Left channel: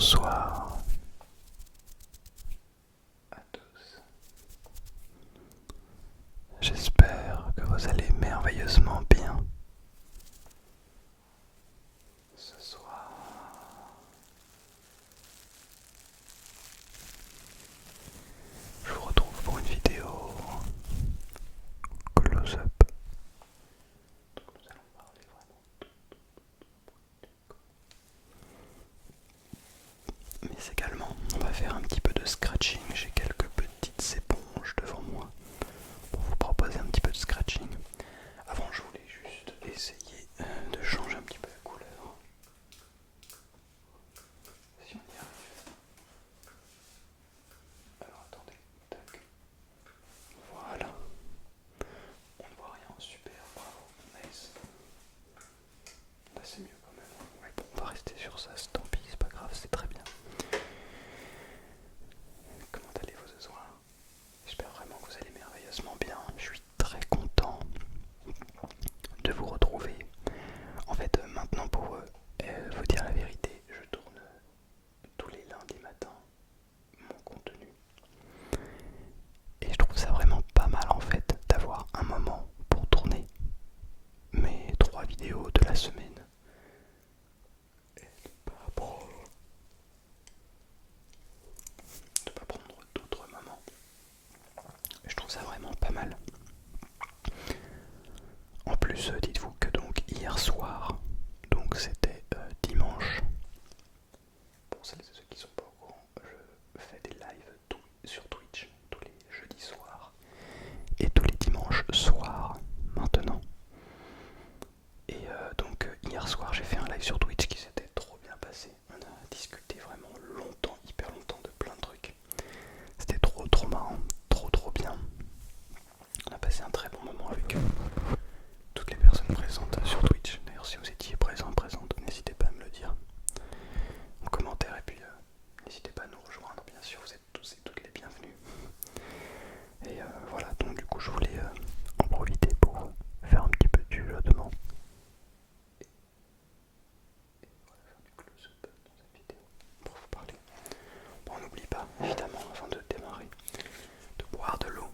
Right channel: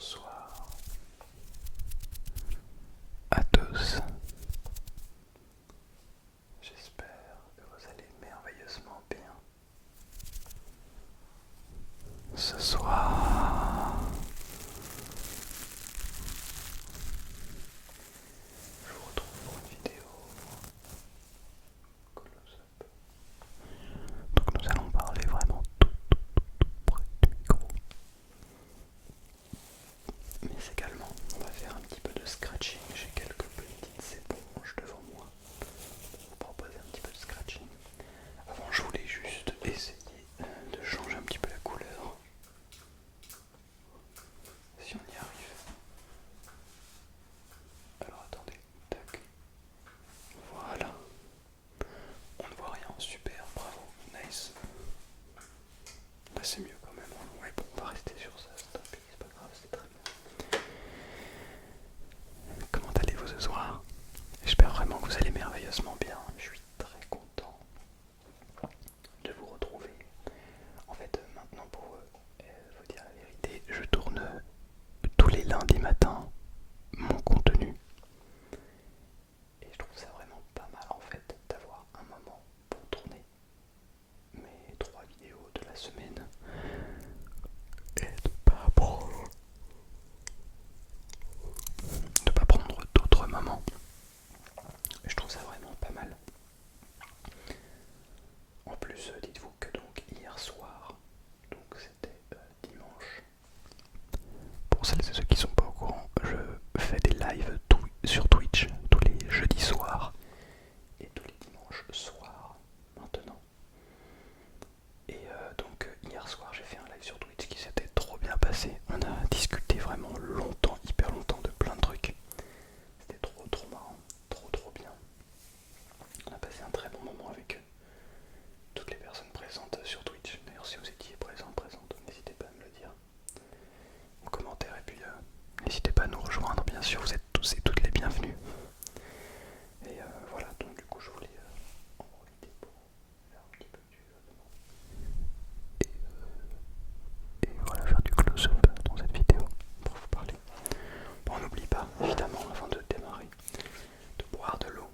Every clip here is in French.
Bonsoir à tous. J'espère que vous allez merveilleusement bien. Ce soir, je vous retrouve pour une vidéo close-up. Donc nous allons parler vraiment tout près du micro. Mais également, on va faire un petit peu de scratching. J'ai quelques petites éponges devant moi pour vous proposer un petit peu de scratching. Avant, je voulais juste essayer de changer un petit peu la couleur. Si on y arrive. Alors attendez, tac. Voilà. On ne voit rien, super, bravo, nice. Là c'est mieux quand même. Ouais bon, on va rester sur ça, tant pis, c'est pas grave, c'est très bien. Comment allez-vous ce soir? J'espère vraiment que vous allez merveilleusement bien. Je suis très content de vous retrouver. En fait, maintenant pour vous dire la vérité, je tourne tous les lundis matins mon contenu. Et je trouve ça vraiment pas mal en fait d'avoir un moment pour tourner mes 3 vidéos de la semaine et de pas prendre d'autres moments. Je trouve ça vraiment pas mal. En plus, dites-vous que donc hier soir, donc c'était dimanche. Pour celles et ceux qui sont pas au courant, je fais des lives sur Twitch tous les jeudis soirs et tous les dimanches soirs maintenant. Et donc hier soir j'ai fait un live sur Twitch qui s'était trop bien passé. On a discuté vraiment longtemps, hyper longtemps de plein de trucs. C'était trop marrant, trop bien. On a passé un très bon moment avec toutes les personnes présentes sur Twitch. D'ailleurs si vous étiez présentes, n'hésitez pas à me le dire en commentaire et puis n'hésitez pas à nous rejoindre, bien sûr vous êtes tous et toutes les bienvenus. Et voilà, donc du coup je voulais en profiter pour faire un petit peu du jeu et voilà, faire du close-up dans cette vidéo pour vous parler. Bon, on n'oublie pas, évidemment, avant de démarrer, de boire de l'eau.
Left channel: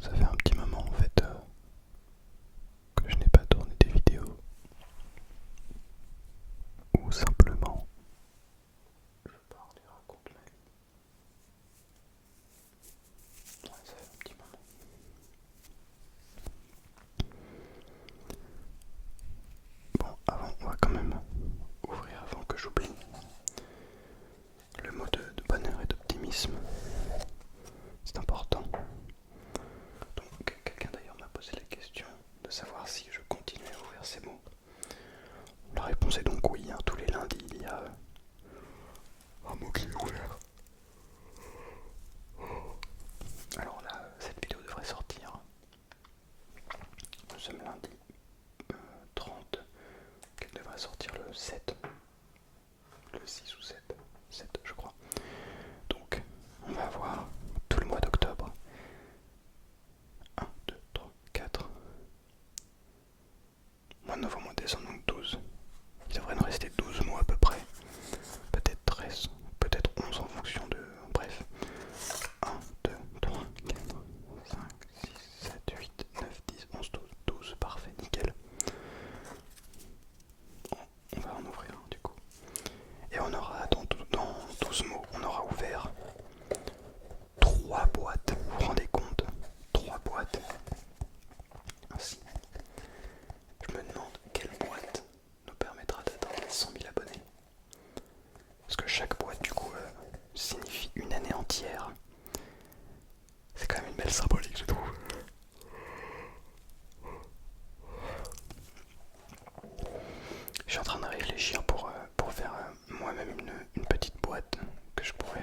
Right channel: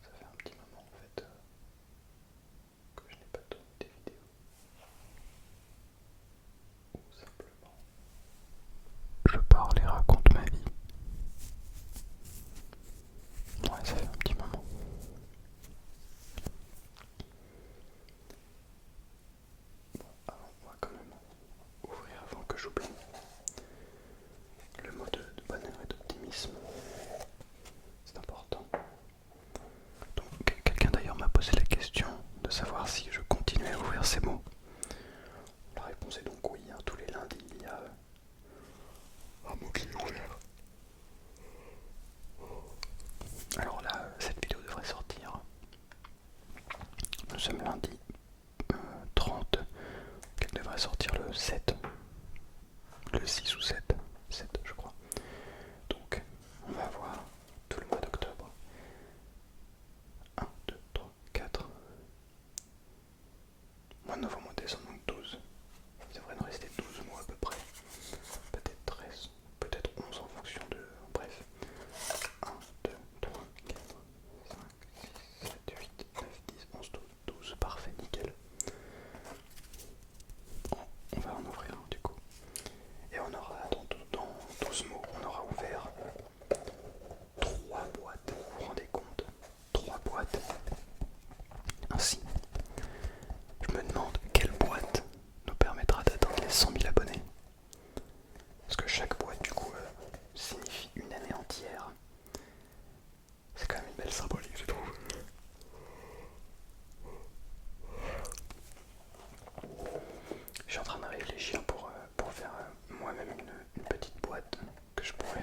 Ça fait un petit moment en fait que je n'ai pas tourné des vidéos où simplement je parle et raconte ma vie. Ouais, ça fait un petit moment. Bon, avant, on va quand même ouvrir avant que j'oublie le mot de bonheur et d'optimisme. C'est important. Donc, quelqu'un d'ailleurs m'a posé la question de savoir si je continuais à ouvrir ces mots. La réponse est donc oui, hein, tous les lundis il y a un mot qui est ouvert. Alors là, cette vidéo devrait sortir. Nous sommes lundi 30. Elle devrait sortir le 7. Le 6 ou 7. 7 je crois. Donc on va avoir tout le mois d'octobre. 1, 2, 3, 4. Mois de novembre, mois de décembre, donc 12. Il devrait nous rester 12 mois à peu près. Peut-être 13, peut-être 11 en fonction de... Bref. 1, 2, 3, 4, 5, 6, 7, 8, 9, 10, 11, 12. 12, parfait, nickel. On va en ouvrir un du coup. Et on aura, dans 12 mots, on aura ouvert 3 boîtes. Vous vous rendez compte? 3 boîtes. Ainsi, je me demande quelle boîte nous permettra d'atteindre les 100 000 abonnés. Parce que chaque boîte, du coup, signifie une année entière. C'est quand même une belle symbolique, je trouve. Je suis en train de réfléchir pour faire moi-même une petite boîte que je pourrais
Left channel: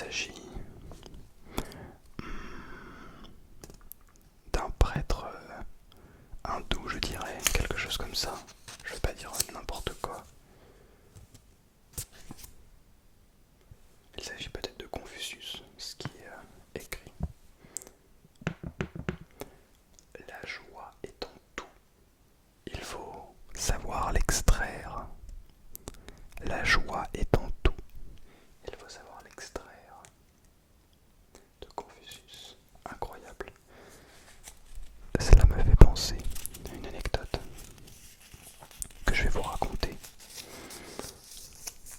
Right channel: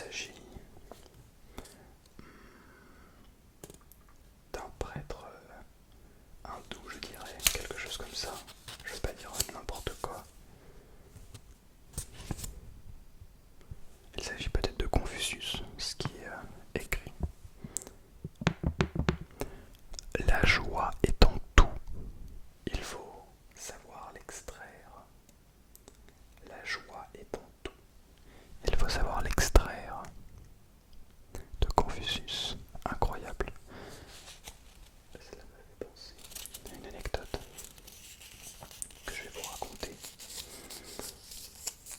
s'agit d'un prêtre hindou, je dirais, quelque chose comme ça. Je vais pas dire n'importe quoi. Il s'agit peut-être de Confucius, ce qui est écrit. La joie est en tout, il faut savoir l'extraire. La joie est en tout, il faut savoir l'extraire. De Confucius, incroyable. Cela me fait penser à une anecdote que je vais vous raconter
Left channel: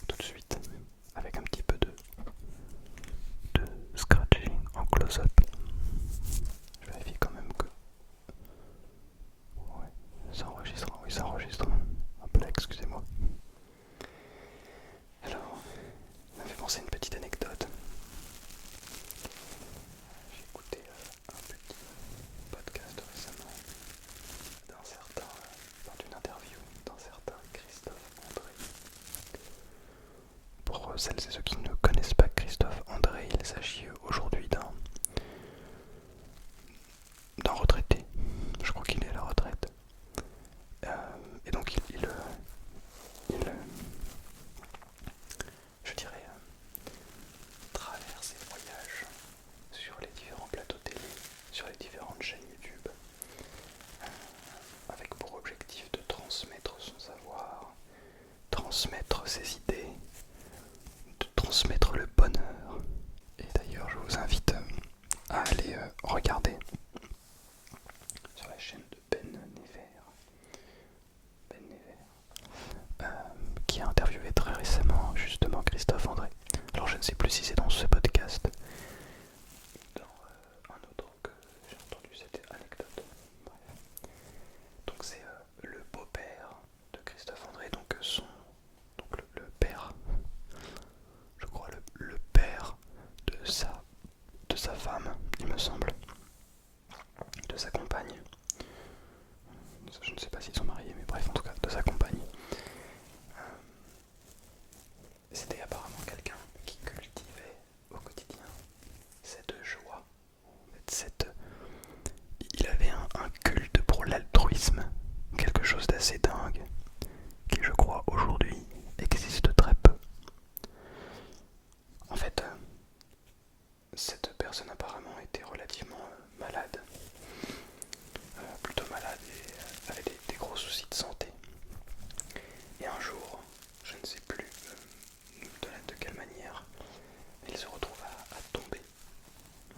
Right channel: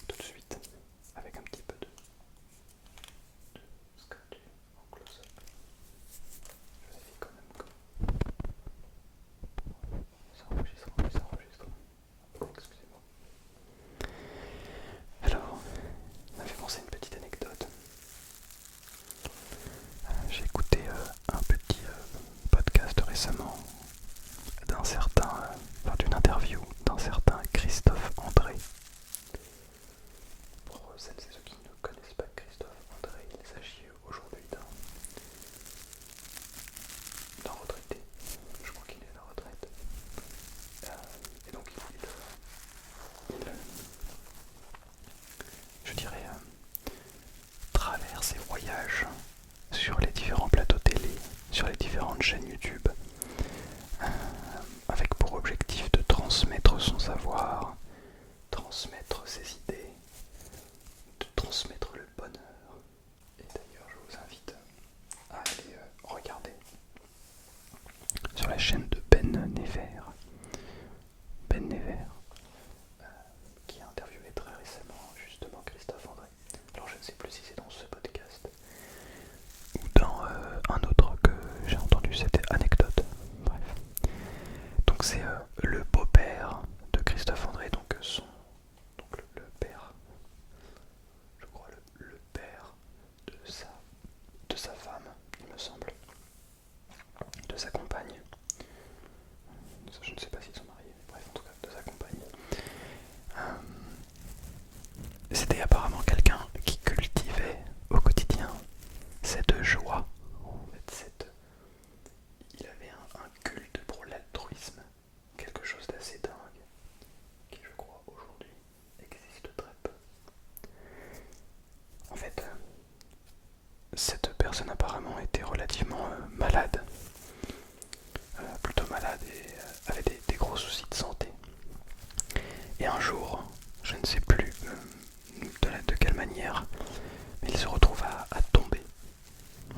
tout de suite avec un petit peu de scratching en close-up. Je vérifie quand même que ouais, ça enregistre, oui ça enregistre. Hop là, excusez-moi. Alors, ça me fait penser à une petite anecdote. J'ai écouté un petit podcast récemment d'un certain, d'une interview d'un certain Christophe André. Pour celles et ceux qui ne connaissent pas Christophe André, il s'agit aujourd'hui d'un retraité. Je crois qu'il est à la retraite. Et donc je dirais, traverse et voyage sur les différents plateaux télé, sur les différentes chaînes YouTube, avec pour objectif de transmettre son savoir, transmettre ses idées, de transmettre le bonheur. Et d'ailleurs, je vous invite à aller regarder sur la chaîne de Ben Never, qui a interviewé très récemment justement Christophe André. Alors je ne sais plus si c'est dans ce podcast ou dans un autre que j'ai entendu, c'était anecdote. Bref. Donc c'est le beau-père de Christophe André, donc le père, je crois le père de sa femme, il me semble, de sa compagne. Je ne sais pas s'ils sont mariés, mais bref, en tout cas, de sa compagne. C'était apparemment quelqu'un qui cultivait au quotidien cette joie, il avait un culte pour l'altruisme, quelque chose d'assez dingue, qui je crois aujourd'hui existe très peu. En fait, cette personne apparemment était relativement malade, plutôt malade et avait des gros soucis de santé. Et un jour, je ne sais plus de quelle manière, mais il se retrouve à tomber.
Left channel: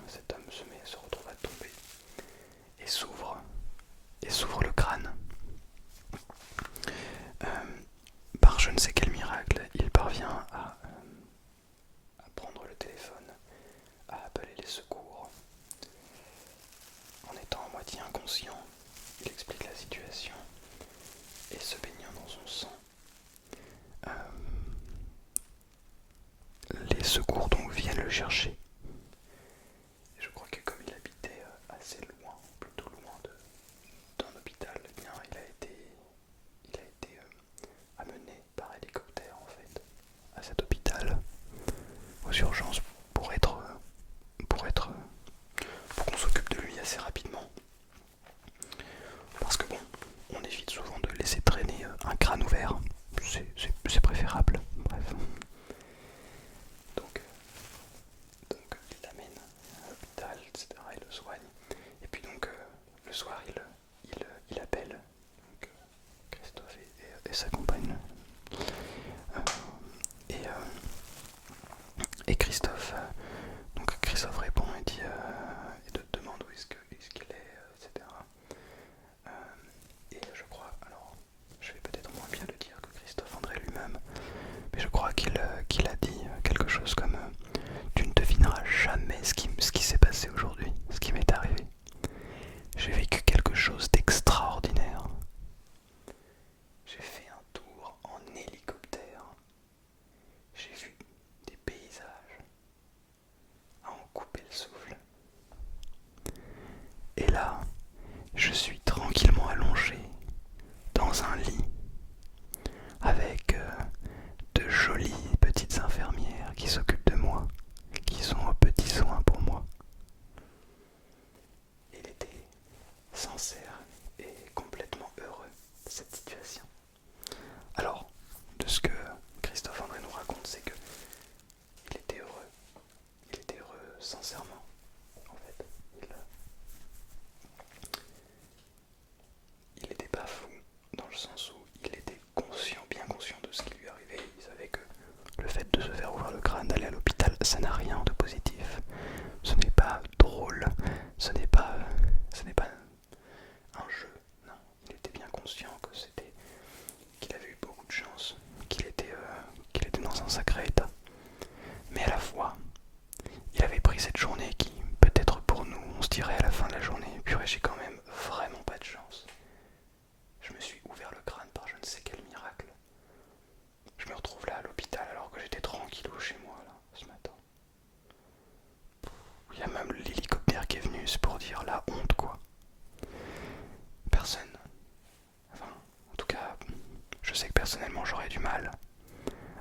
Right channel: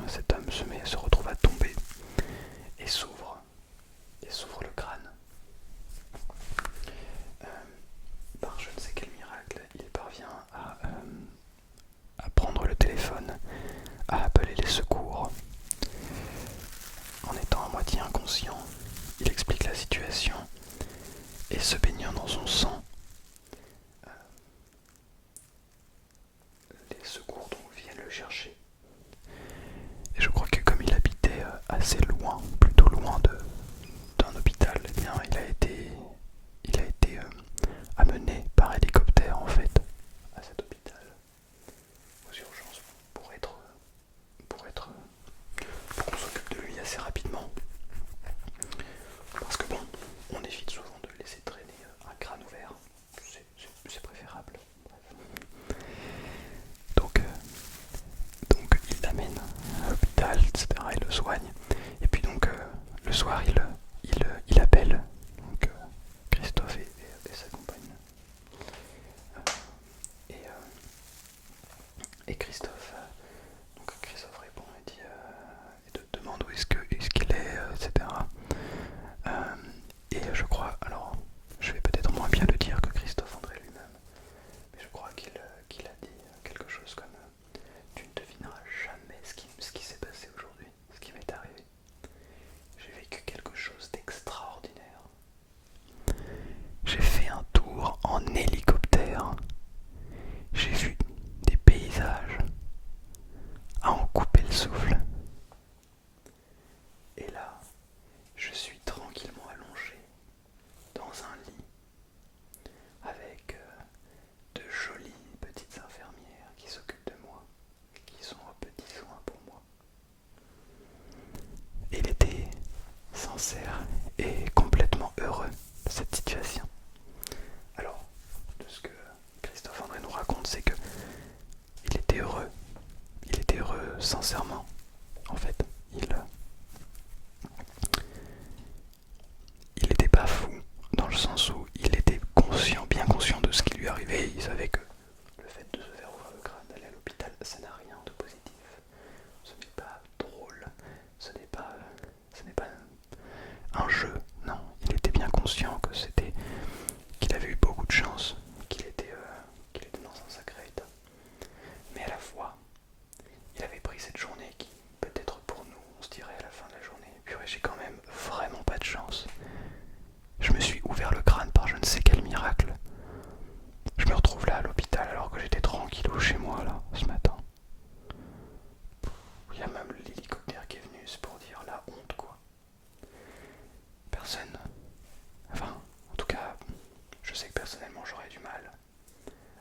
Cet homme se retrouve à tomber et s'ouvre le crâne. Par je ne sais quel miracle, il parvient à prendre le téléphone, à appeler les secours. En étant à moitié inconscient, il explique la situation et se baignant dans son sang, les secours donc viennent le chercher. Et je crois que comme il habitait assez loin, plutôt loin d'un hôpital, eh bien il a été amené par hélicoptère en fait à cet hôpital aux urgences pour qu'on s'occupe de lui assez rapidement. Parce que bon, on évite souvent de laisser traîner un crâne ouvert, c'est préférable. Bref. Donc il l'amène à l'hôpital, etc. Il le soigne. Et puis donc sincèrement. En fait, il était pas fou, dans le sens où il était conscient, bien conscient de ce qui lui arrivait. Il savait que le fait de se faire ouvrir le crâne, d'aller à l'hôpital, ça n'a rien de positif. Ce n'est pas drôle, ce n'est pas un jeu. Non, il était bien conscient que qu'il avait eu beaucoup de chance, qu'il était dans un sacré état. Mais à la fois, il avait pris cette journée qui, peut-être pour nous, on se dirait à la fin de la journée, purée, j'ai quand même vraiment pas de chance. Je me suis ouvert le crâne par je ne sais quel miracle. Je me retrouve là à l'hôpital alors que j'étais tranquillou chez moi là, ce matin. Il y a même l'hélicoptère qui est venu, c'est pour dire la honte quoi. Personne. Enfin, en tout cas, je sais que personnellement j'aurais du mal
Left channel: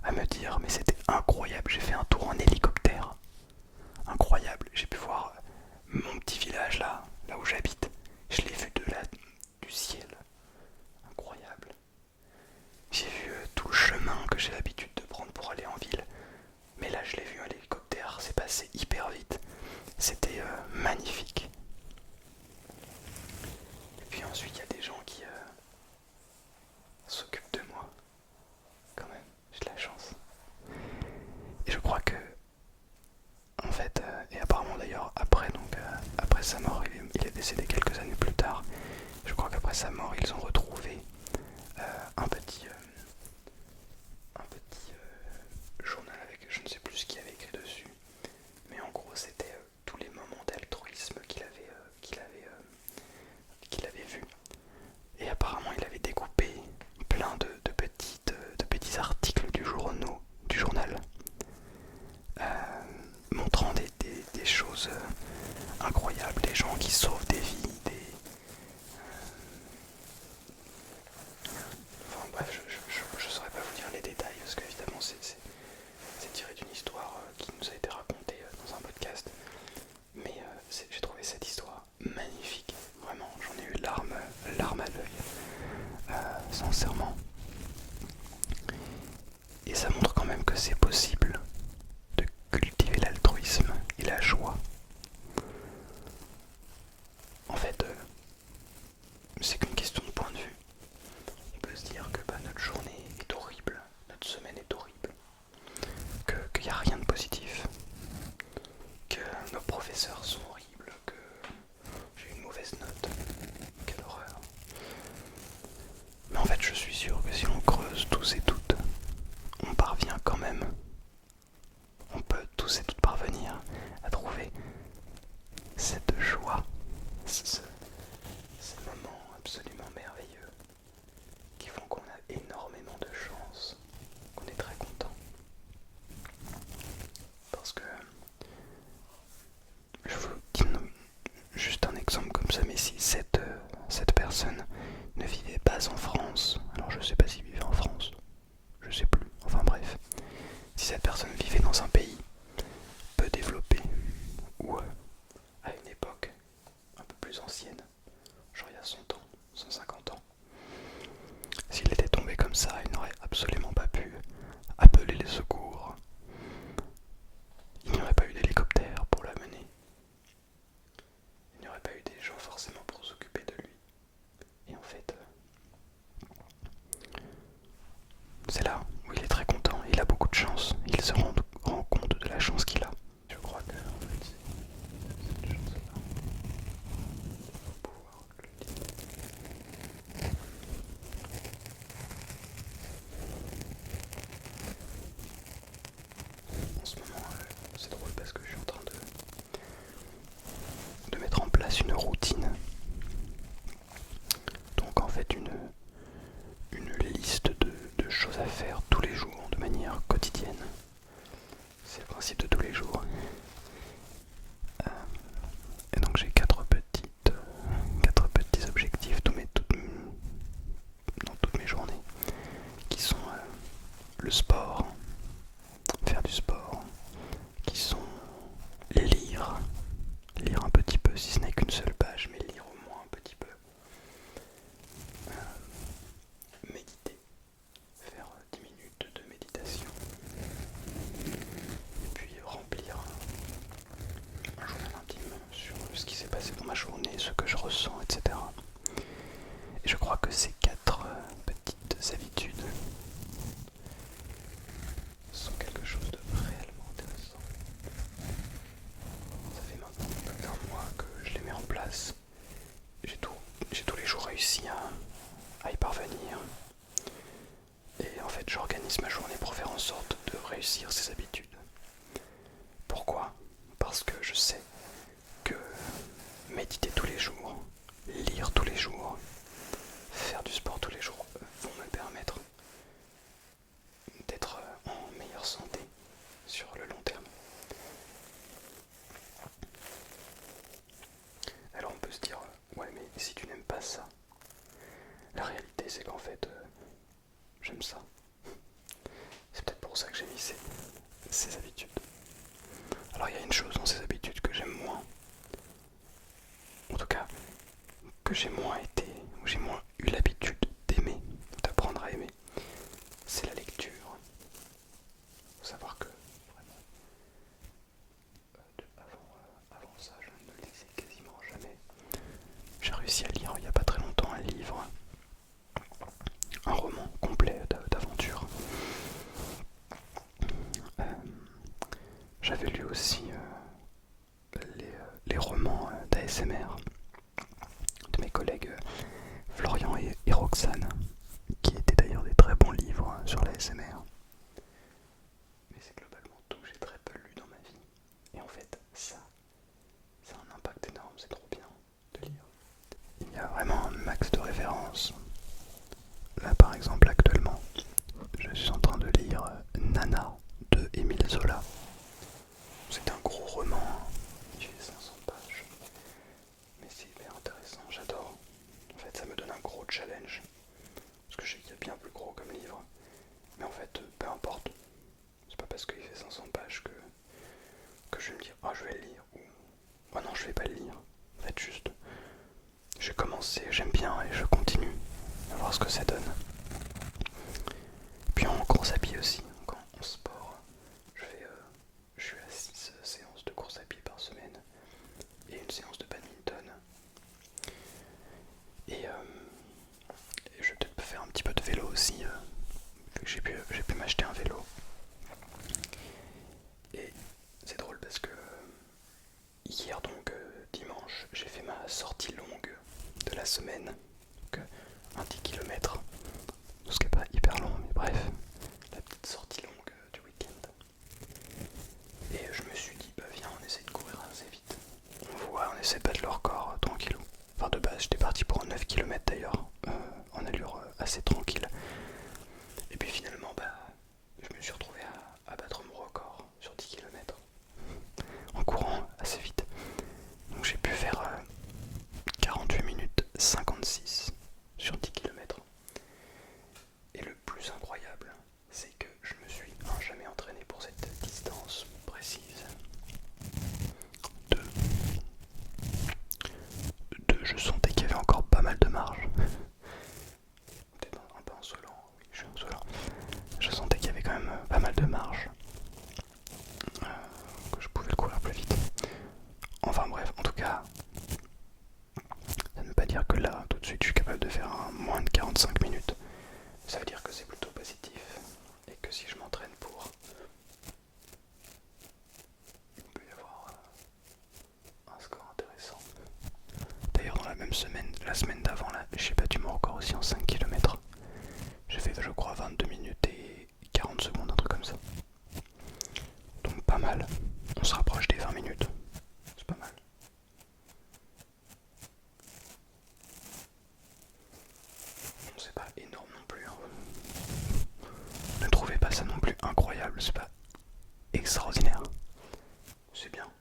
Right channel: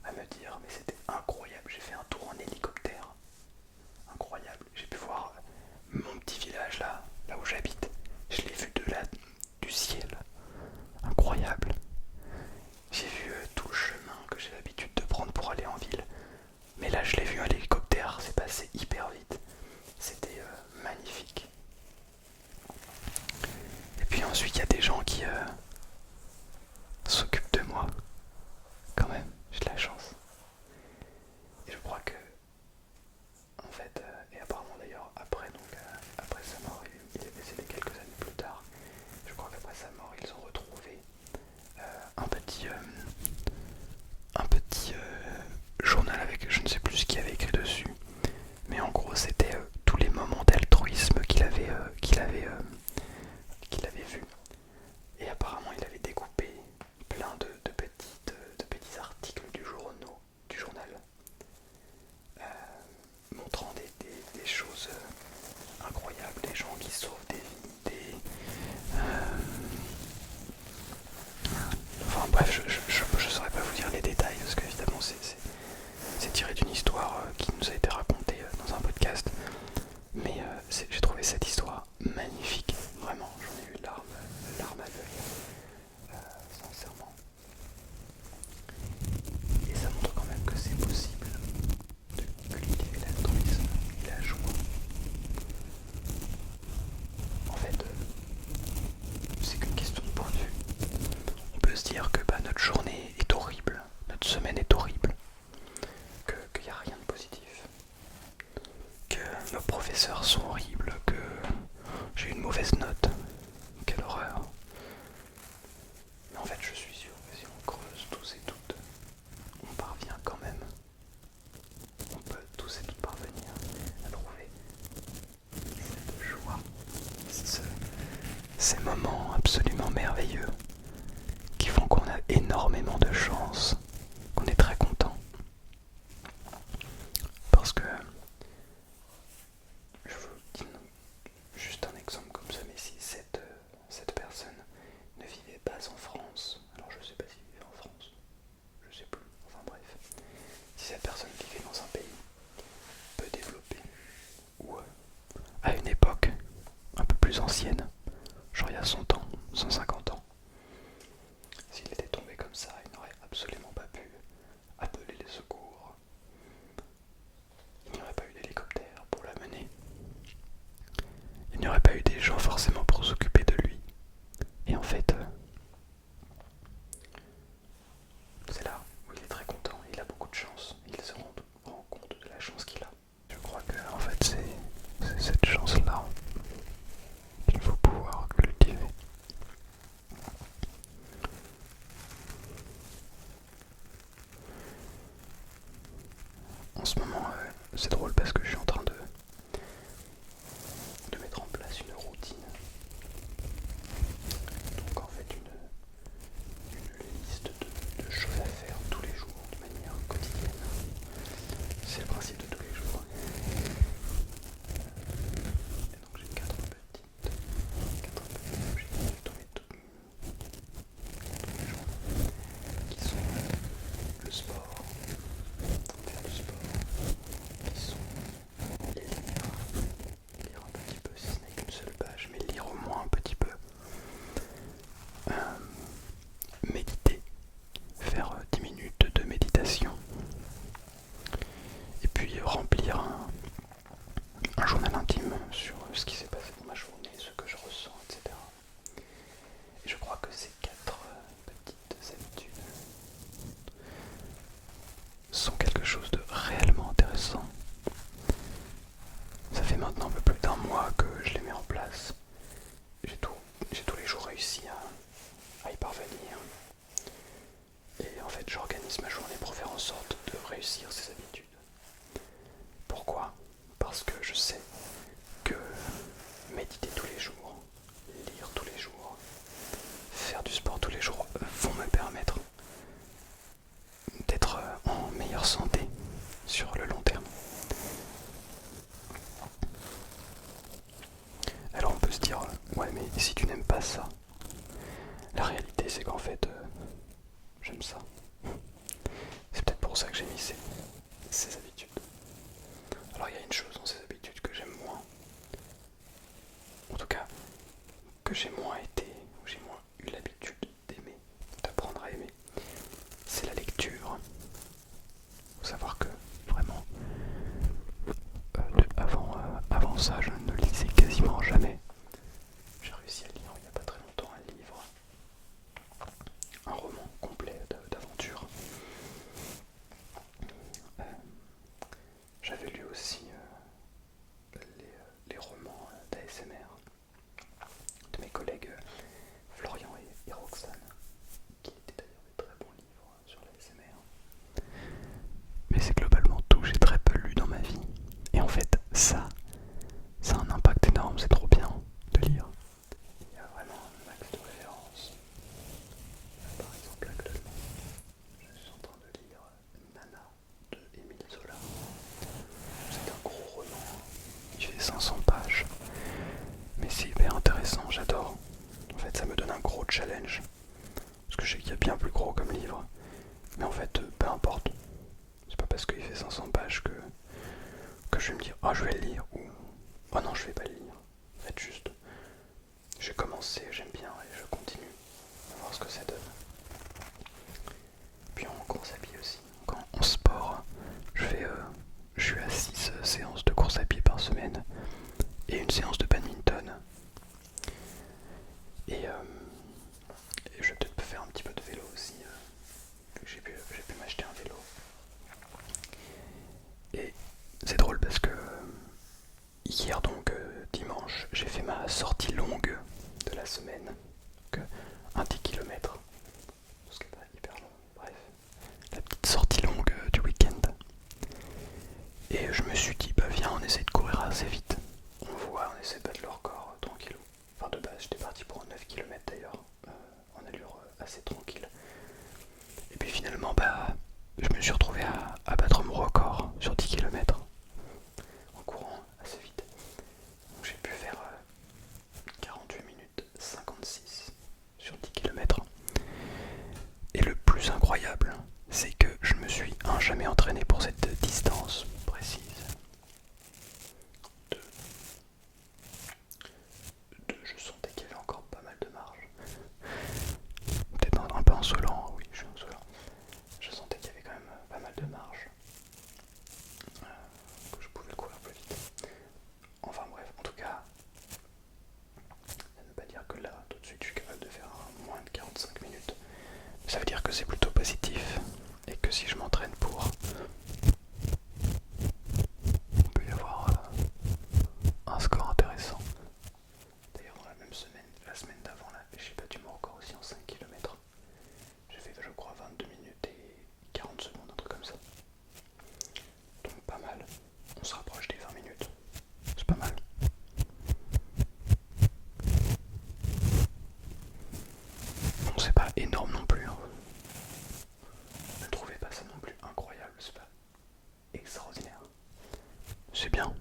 à me dire, mais c'était incroyable, j'ai fait un tour en hélicoptère. Incroyable, j'ai pu voir mon petit village là où j'habite. Je l'ai vu du ciel. Incroyable. J'ai vu tout le chemin que j'ai l'habitude de prendre pour aller en ville. Mais là, je l'ai vu en hélicoptère, c'est passé hyper vite. C'était magnifique. Et puis ensuite, il y a des gens qui s'occupent de moi. Quand même, j'ai de la chance. Et je crois que, en fait, et apparemment d'ailleurs, après sa mort, il est décédé quelques années plus tard. Je crois qu'après sa mort, ils ont retrouvé un petit journal avec je ne sais plus ce qu'il y avait écrit dessus, mais en gros c'était tous les moments d'altruisme qu'il avait vu. Et apparemment il avait découpé plein de petits articles du journal, montrant des choses incroyables, des gens qui sauvent des vies, enfin bref, je saurais pas vous dire les détails parce qu'évidemment c'est tiré d'une histoire qui nous a été racontée dans un podcast. Mais j'ai trouvé cette histoire magnifique, vraiment, j'en ai eu larmes à l'œil, sincèrement. Et ça montre quand même que c'est possible de cultiver l'altruisme et la joie. En fait, c'est qu'une question de point de vue. On peut se dire que notre journée est horrible, notre semaine est horrible, qu'il n'y a rien de positif, que nos professeurs sont horribles, que j'ai une mauvaise note, quelle horreur. Mais en fait, je suis sûr que si on creuse tous et toutes, on parvient quand même, on peut tous et toutes parvenir à trouver cette joie, ces moments absolument merveilleux qui font qu'on a énormément de chance, qu'on est très content. Parce que, je vous dis juste un exemple comme ça, mais si cette personne ne vivait pas en France, alors je sais pas s'il vivait en France, je sais plus, enfin bref, si cette personne vivait dans un pays peu développé, ou à une époque un peu plus ancienne, genre il y a 100 ans, 150 ans, s'il était tombé comme ça, il n'aurait absolument pas pu appeler les secours. Il n'y aurait pas eu d'hélicoptère pour l'amener. Il n'y aurait pas eu des gens forcément pour s'occuper de lui. Et en fait, c'est là où il est très content. Il a beaucoup de chance. Il se rend compte de la chance qu'il a. Je crois que en fait c'est cette chance-là qu'il faut pouvoir cultiver. En ce moment, c'est drôle parce que je suis en train de mettre en place une routine. Donc en fait une liste de choses à faire tous les jours de manière quotidienne. C'est le principe de tous les jours. Et donc j'ai quatre petits objectifs dans toutes mes journées qui sont le sport, faire du sport, qui sont lire un petit peu, si ce n'est qu'une seule page, mais lire au moins un petit peu, méditer, faire 10 minutes de méditation, et puis ma journée, ce que je ressens, etc. Et je crois que ces 4 petites habitudes sont quelque chose de réellement intéressant. Ça fait maintenant un peu plus d'un mois que je les mets en place. J'ai tous les jours réussi à y parvenir. Et en fait, j'organise ma journée pour faire en sorte de réussir ces habitudes. Pourquoi? Parce que je sais que méditer tous les jours, lire tous les jours, faire du sport tous les jours vont me permettre d'être en meilleure santé sur le long terme. Alors on peut se dire, ouais mais si tu n'aimes pas ça, la réalité c'est qu'en fait j'aime ça. C'est peut-être pour ça que j'ai mis ces habitudes. Alors il y a une chose dans ces habitudes que j'aime moins, en tout cas que j'ai moins été, ou j'ai moins eu l'habitude d'aimer, d'apprendre à aimer, c'est la lecture. Il faut savoir que vraiment, avant ça, je ne lisais quasiment jamais. J'ai réussi à lire il n'y a pas très longtemps un livre, un roman complet d'aventure. J'avais lu aussi les romans d'ASMR de mes collègues Florian et Roxane, qui étaient d'ailleurs des très bons livres sur l'ASMR. Mais c'est globalement tout que j'ai très peu lu dans ma vie. Et en fait, ça a un impact énorme, c'est trop bien de lire. Il y a vraiment un max de références. Là par exemple, actuellement, je suis en train de lire Nana de Émile Zola. C'est un gros roman, il fait 500 pages. Mais c'est hyper intéressant, j'adore. En fait, ça me donne un gros challenge. Parce que je sais qu'il y a bien plus gros comme livre. Mais en fait, peu importe. C'est pas parce qu'il fait 500 pages que je vais me dire oh je vais le lire ou oh non je vais pas le lire. En fait juste j'ai commencé, j'aime bien et je continue à voir ce que ça donne. Puis en course à pied aussi, en sport, je suis à 6 séances de course à pied par semaine et une séance de badminton. Et je vais peut-être faire un petit peu de vélo aussi, vu que j'ai pu m'acheter un vélo. Et c'est drôle parce que hier donc dimanche, j'ai fait ma sortie longue de la semaine, donc un 10 km, ce qui n'est pas hyper long, mais bref, la petite sortie longue du week-end. Et je me suis dit, bah viens, on essaie de courir assez vite. On essaie de battre le record tranquillou. Enfin de base, j'étais parti pour 9 km d'ailleurs, en allure assez tranquille. Et puis finalement, bah, je me suis retrouvé à battre mon record sur 10 km en courant assez vite. Donc j'ai pu faire 48 minutes 56 sur 10 km. Et le plus incroyable, c'est que je me suis jamais entraîné pour cette distance précise. Je sentais qu'il y avait encore pas mal de marge. Peut-être un peu insolent, oui, je suis insolent. Je sentais qu'il y avait quand même pas mal de marge. Que je pouvais le courir plus vite. Enfin bref, en tout cas, ça ne veut pas dire que là, tout de suite, je suis capable de faire moins de 45 minutes. Ça veut dire que c'est plutôt positif. Et que si je m'entraîne pour, il peut y avoir un score intéressant. D'ailleurs, dans la même semaine, la semaine d'avant, là, j'ai battu mon record aussi en 5 km. J'ai fait, je crois, 22 minutes et 40 secondes, un truc comme ça. Donc pas mal. On se rapproche des 20 minutes. C'est pas mal. Bon, c'est pas énorme non plus. Hein. Ne trouvez pas ça non plus incroyable. C'est pas extraordinaire. C'est bien.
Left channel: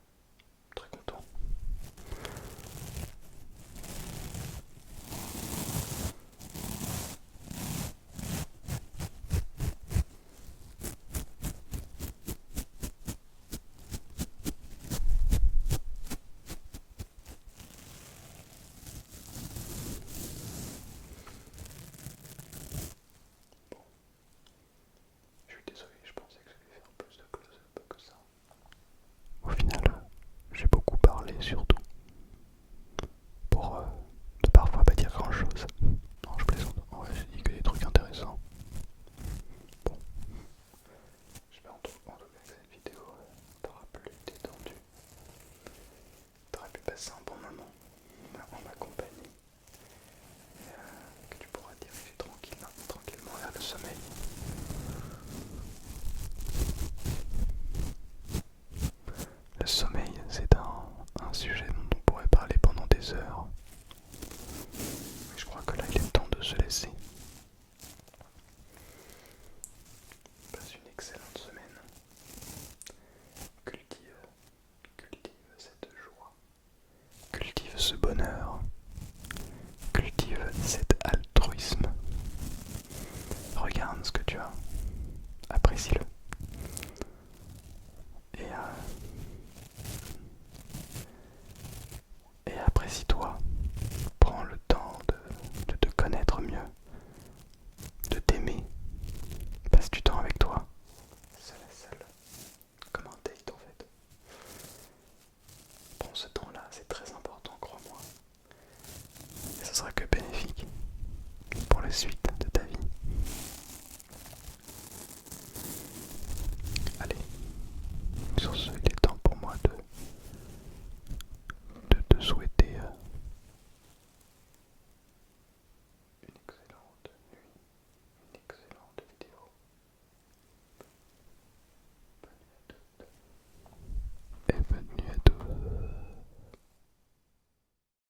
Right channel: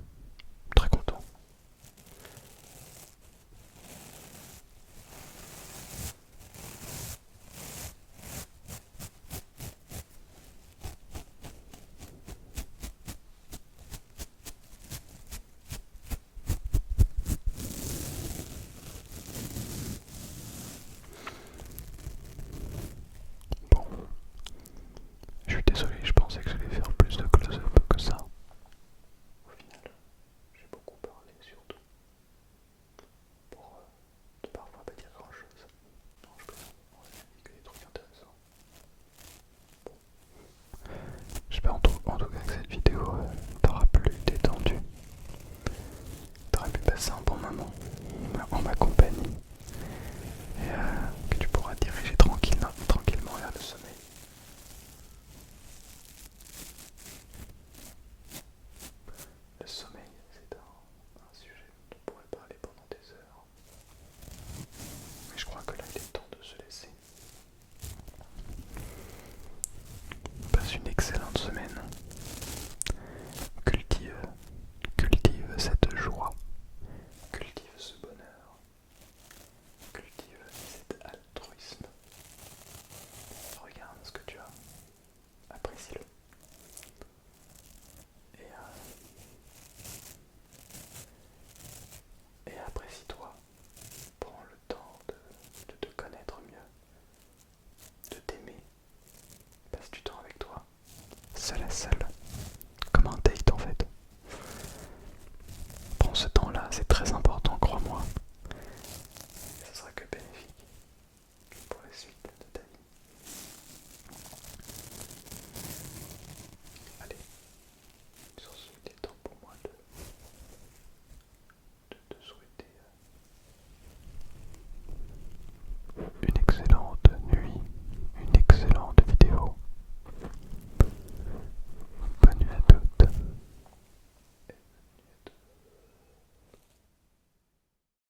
Très content. Bon. Je suis désolé, je pensais que j'allais faire plus de close-up que ça. Assis-toi, prends le temps de te connaître mieux, de t'aimer, passe du temps avec toi, seul à seul, comme un date en fait. Prends ce temps-là, c'est très important, crois-moi. Ce sera que bénéfique pour la suite.